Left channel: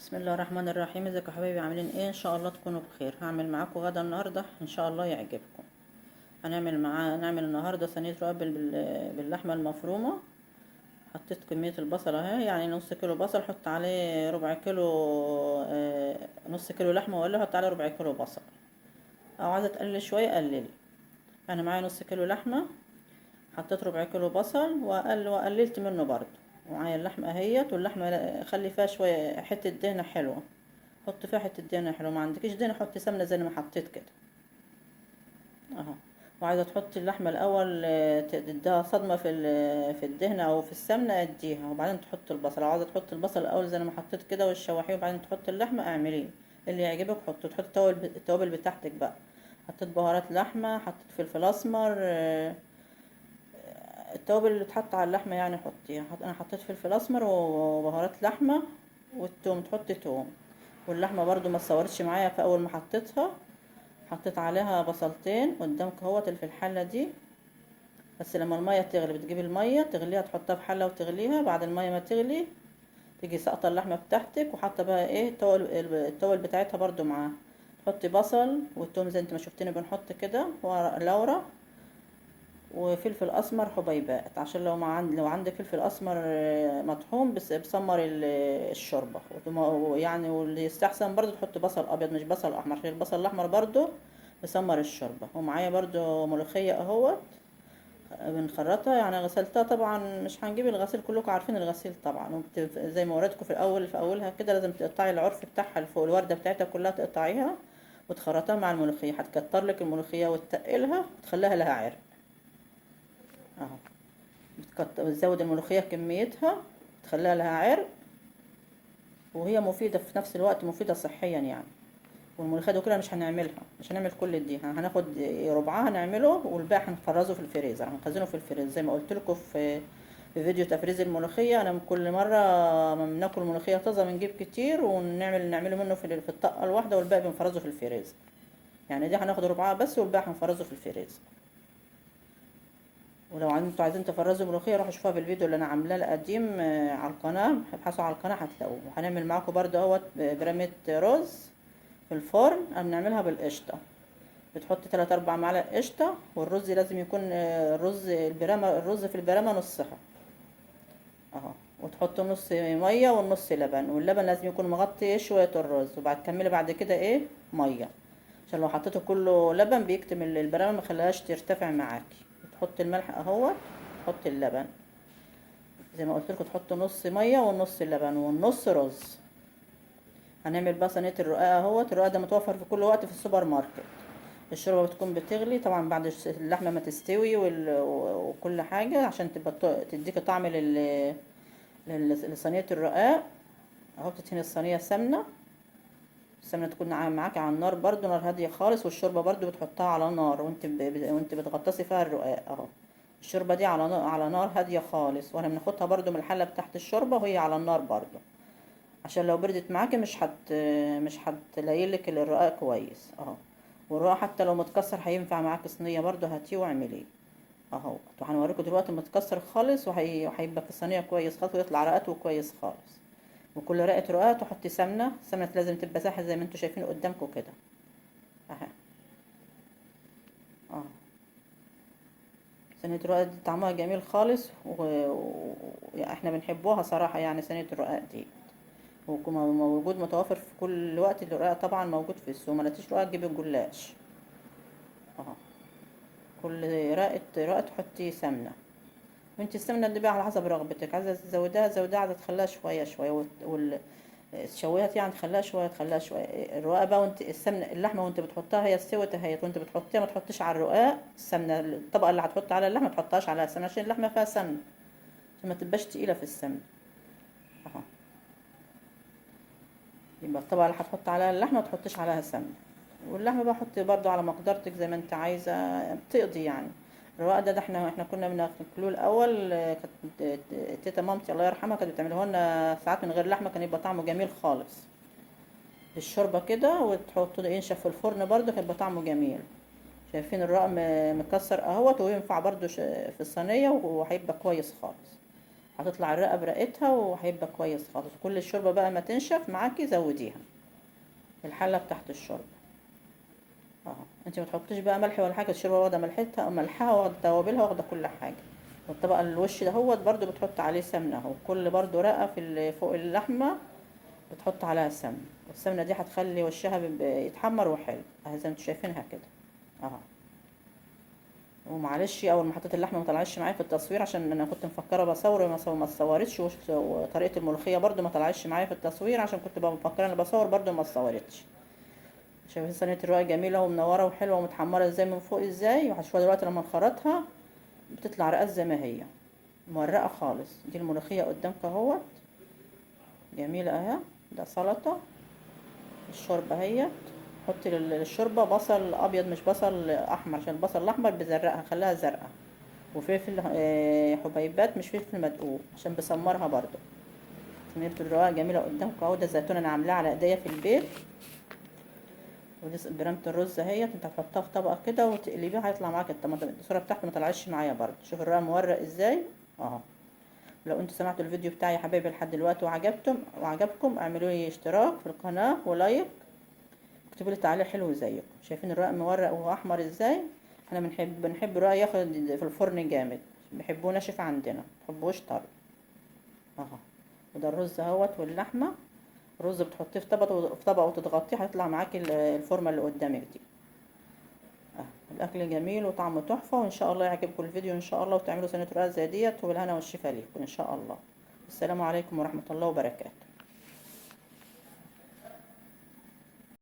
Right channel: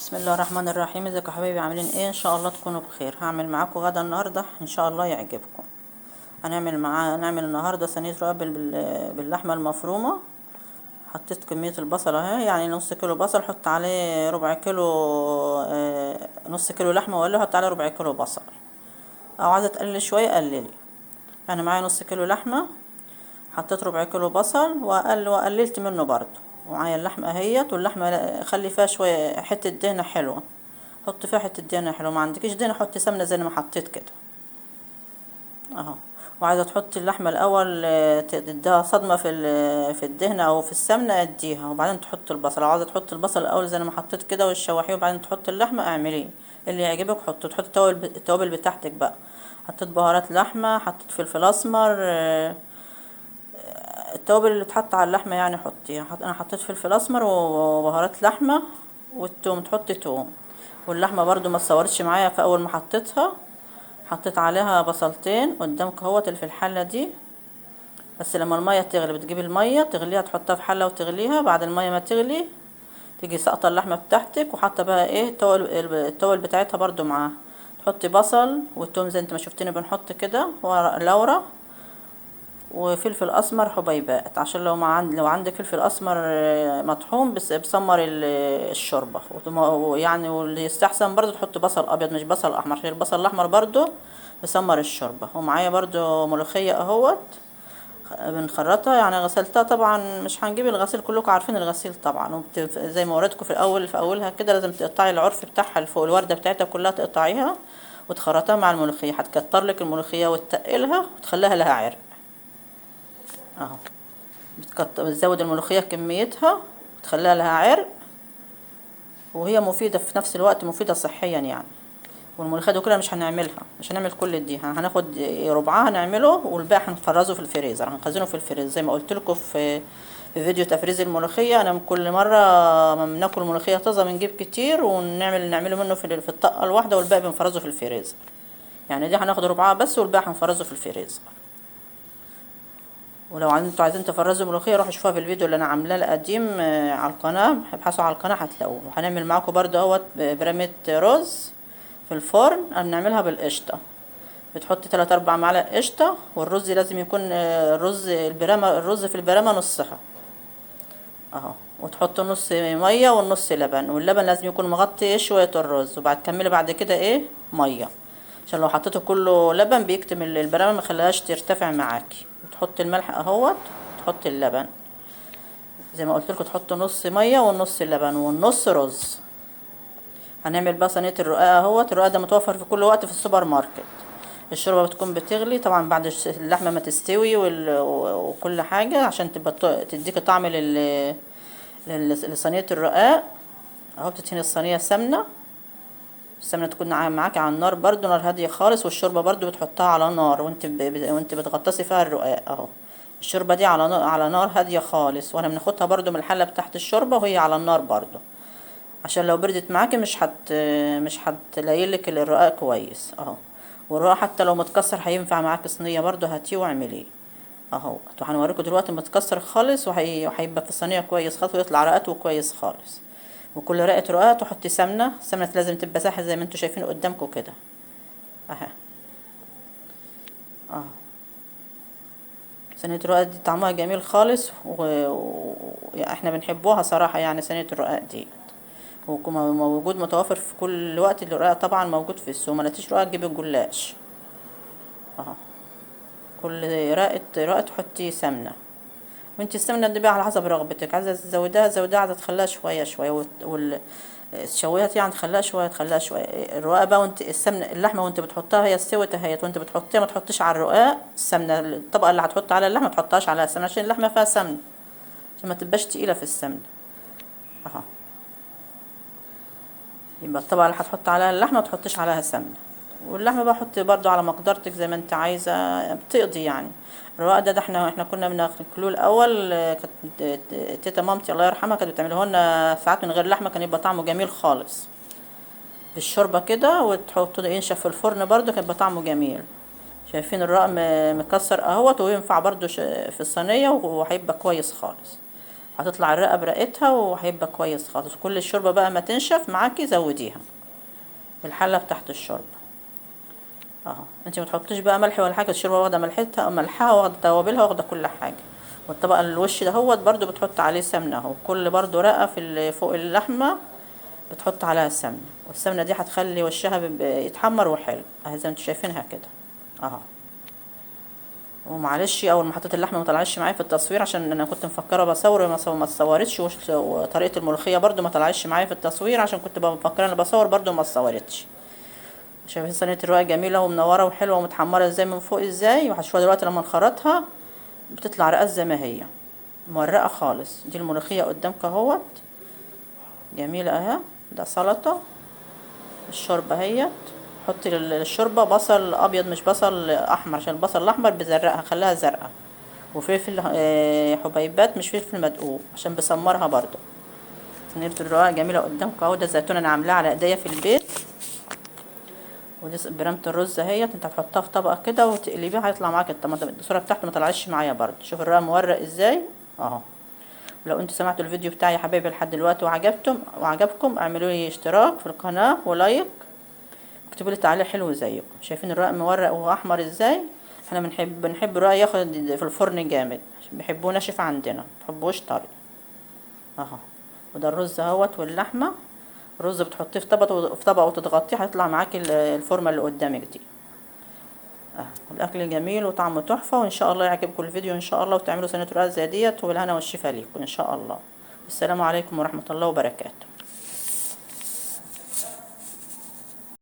بسم الله الرحمن الرحيم. ازيكم يا حبايبي؟ عاملين ايه؟ ان شاء الله تكونوا بخير. هعمل معاكم غدا النهارده ان شاء الله يعجبكم. هنعمل النهارده صينيه رقاق باللحمه المفرومه. حطيت كميه البصل اهي، يعني نص كيلو بصل حط عليه ربع كيلو، نص كيلو لحمه ولا حط عليه ربع كيلو بصل، او عايزه تقلل شويه قللي. انا معايا نص كيلو لحمه، حطيت ربع كيلو بصل وقللت منه برضو. ومعايا اللحمه اهيت، واللحمه خلي فيها شويه حته دهنه حلوه، حط فيها حته دهنه حلوه. ما عندكيش دهنه حطي سمنه زي ما حطيت كده اهو. وعايزه تحطي اللحمه الاول، تديها صدمه في الدهنه او في السمنه اديها، وبعدين تحطي البصل. عايزه تحطي البصل الاول زي ما حطيت كده وتشوحيه، وبعدين تحطي اللحمه. اعمليه اللي يعجبك حطي. تحطي التوابل بتاعتك بقى. حطيت بهارات لحمه، حطيت فلفل اسمر، التوابل اللي بتحط على اللحمه يعني حطيها. انا حطيت فلفل اسمر وبهارات لحمه والثوم. تحطي توم. واللحمه برضو ما تصورتش معايا، في اول ما حطيتها حطيت عليها بصلتين قدامك اهوت اللي في الحله دي. بس لما الميه تغلي بتجيبي الميه تغليها، تحطها في حله وتغليها. بعد الميه ما تغلي تيجي ساقطه اللحمه بتاعتك، وحاطه بقى ايه التوابل بتاعتها برضو معاها. تحطي بصل والثوم زي انت ما شفتني بنحط كده، ورق لورا وفلفل اسمر حبيبات، عشان لو عندك فلفل اسمر مطحون بس بسمر الشوربه. يعني واللي يستحسن برضو تحط بصل ابيض مش بصل احمر، عشان البصل الاحمر برضو بسمر الشوربه. ومعايا برضو ملوخيه اهوت بنخرطها، يعني غسلتها طبعا. مش هنجيب الغسيل، كلكم عارفين الغسيل طبعا. زي ما وريتكم في الاول، في اولها كده لازم تقطعي العرف بتاعها اللي فوق الورده بتاعتها كلها، تقطعيها وتخرطها مع الملوخيه. هتكتر لك الملوخيه وتقلها وتخليها لها عرق اهو. بتزود الملوخية كميتها وتخليها لها عرق، وهي مفيدة في نفس الوقت، مفيدة صحيا يعني. والملوخية دي كلها مش هنعمل كل دي، هناخد ربعها نعمله، والباقي هنفرزه في الفريزر، هنخزنه في الفريزر زي ما قلت لكم في فيديو تفريز الملوخية. انا كل مرة ما بناكل ملوخية طازة بنجيب كتير نعمله منه في الطاقة الواحدة، والباقي بنفرزه في الفريزر. يعني دي هناخد ربعها بس، والباقي هنفرزه في الفريزر. ولو انتوا عايزين تفرزوا ملوخيه روحوا شوفوها في الفيديو اللي انا عاملاه القديم على القناه. ابحثوا على القناه هتلاقوه. وهنعمل معاكم برضه اهوت برامه رز في الفرن. بنعملها بالقشطه. بتحطي 3 4 معالق قشطه، والرز لازم يكون الرز في البرامه نصها اهو. وتحطوا نص ميه والنص لبن، واللبن لازم يكون مغطي شويه الرز. وبعد تكملي بعد كده ايه ميه، عشان لو حطيته كله لبن بيكتم البرامه، ما خلاهاش ترتفع معاكي. وتحطي الملح اهوت، تحطي اللبن زي ما قلت لكم. تحطوا نص ميه والنص لبن والنص رز. هنعمل بقى صينيه الرقاق اهوت. الرقاق ده متوفر في كل وقت في السوبر ماركت. الشوربه بتكون بتغلي طبعا بعد اللحمه ما تستوي وكل حاجه، عشان تبقى تديك طعم لصينيه الرقاق اهو. بتدهني الصينيه سمنه. السمنه تكون معاكي على النار برضو، نار هاديه خالص. والشوربه برضو بتحطها على نار وانت بتغطسي فيها الرقاق اهو. الشوربه دي على نار هاديه خالص، وانا بناخدها برضو من الحله بتاعت الشوربه وهي على النار برضو، عشان لو بردت معاكي مش هتلاقيلك الرقاق كويس اهو. والرقاق حتى لو متكسر هينفع معاكي صينيه برضو، هاتيه واعمليه اهو. هنوريكم دلوقتي متكسر خالص وهيبقى في الصينيه كويس خالص، ويطلع رقاته كويس خالص. وكل رقه رقاق تحطي سمنه. السمنه لازم تبقى سايحه زي ما انتوا شايفين قدامكم كده اهي اه. صينيه الرقاق دي طعمها جميل خالص، يعني احنا بنحبوها صراحه. يعني صينيه الرقاق دي موجود متوفر في كل وقت. الرقاق طبعا موجود في السوق، ما لقيتيش رقاق تجيبي الجلاش اهو. كل رقه تحطي سمنه. وانت السمنه دي بقى على حسب رغبتك، عايزه تزودها زودها، عايزه تخليها شويه شويه الشويات يعني تخليها شويه. الرقاق بقى وانت اللحمه وانت بتحطها هي استوت اهيت، وانت بتحطيها ما تحطيش على الرقاق السمنه. الطبقه اللي هتحط على اللحمه ما تحطهاش على السمنه، عشان اللحمه فيها سمنه، عشان ما تبقاش تقيله في السمنه اهو. يبقى الطبقه اللي هتحط عليها اللحمه ما تحطيش عليها سمنه. واللحمه بقى حطي برضو على مقدرتك زي ما انت عايزه، بتقضي يعني. الرقاق ده احنا كنا بناكلوه الاول. كانت تيتا مامتي الله يرحمها كانت بتعمله لنا ساعات من غير لحمه، كان يبقى طعمه جميل خالص بالشوربه كده. وتحطه ينشف في الفرن برضو كان يبقى طعمه جميل. شايفين الرقاق مكسر اهوت، وينفع برضو في الصينيه وهيبقى كويس خالص. هتطلع الرقه برقتها وهيبقى كويس خالص. كل الشوربه بقى ما تنشف معاكي زوديها في الحله بتاعت الشوربه اهو. انت ما تحطيش بقى ملح ولا حاجه، الشوربه واخده ملحها واخده توابلها واخده كل حاجه. والطبق الوش دهوت برضو بتحط عليه سمنه اهو. كل برضو رقه في فوق اللحمه بتحط عليها سمنه، والسمنه دي هتخلي وشها يتحمر وحلو اهي زي ما انتوا شايفينها كده اهو. ومعلش اول ما حطيت اللحمه ما طلعتش معايا في التصوير عشان انا كنت مفكره بصور ما اتصورتش، وطريقه الملوخيه برضو ما طلعتش معايا في التصوير عشان كنت مفكره انا بصور برضو ما اتصورتش. شايفين صينيه الرقاق جميله ومنوره وحلوه ومتحمره ازاي من فوق ازاي، وهتشوفوها دلوقتي لما نخرطها بتطلع رقاق زي ما هي مورقه خالص. دي الملوخيه قدامك اهوت جميله اهي. ده سلطه. الشوربه اهيت. حطي للشوربه بصل ابيض مش بصل احمر عشان البصل الاحمر بزرقها خليها زرقاء، وفلفل حبيبات مش فلفل مدقوق عشان بسمرها برضو. صينيه الرقاق جميله قدامكم اهو. ده زيتون انا عاملاه على ايديا في البيت. ودي برامة الرز اهيت. انت هتحطها في طبق كده وتقلبيها هيطلع معاك الصوره بتاعته ما طلعتش معايا برضو. شوف الرقاق مورق ازاي اهو. لو انتوا سمعتوا الفيديو بتاعي يا حبايبي لحد دلوقتي وعجبكم اعملوا لي اشتراك في القناه ولايك، اكتبوا لي تعليق حلو زيكم. شايفين الرقاق مورق واحمر ازاي؟ احنا بنحب الرقاق ياخد في الفرن جامد عشان بيحبوه ناشف عندنا، مبيحبوش طري اهو. وده الرز اهوت واللحمه. الرز بتحطيه في طبق وتضغطيه هيطلع معاكي الفورمه اللي قدامك دي اهو. الاكل جميل وطعمه تحفه، وان شاء الله يعجبكم الفيديو ان شاء الله، وتعملوا صينيه رقاق زي ديت، وبالهنا والشفا ليكم ان شاء الله. السلام عليكم ورحمه الله وبركاته.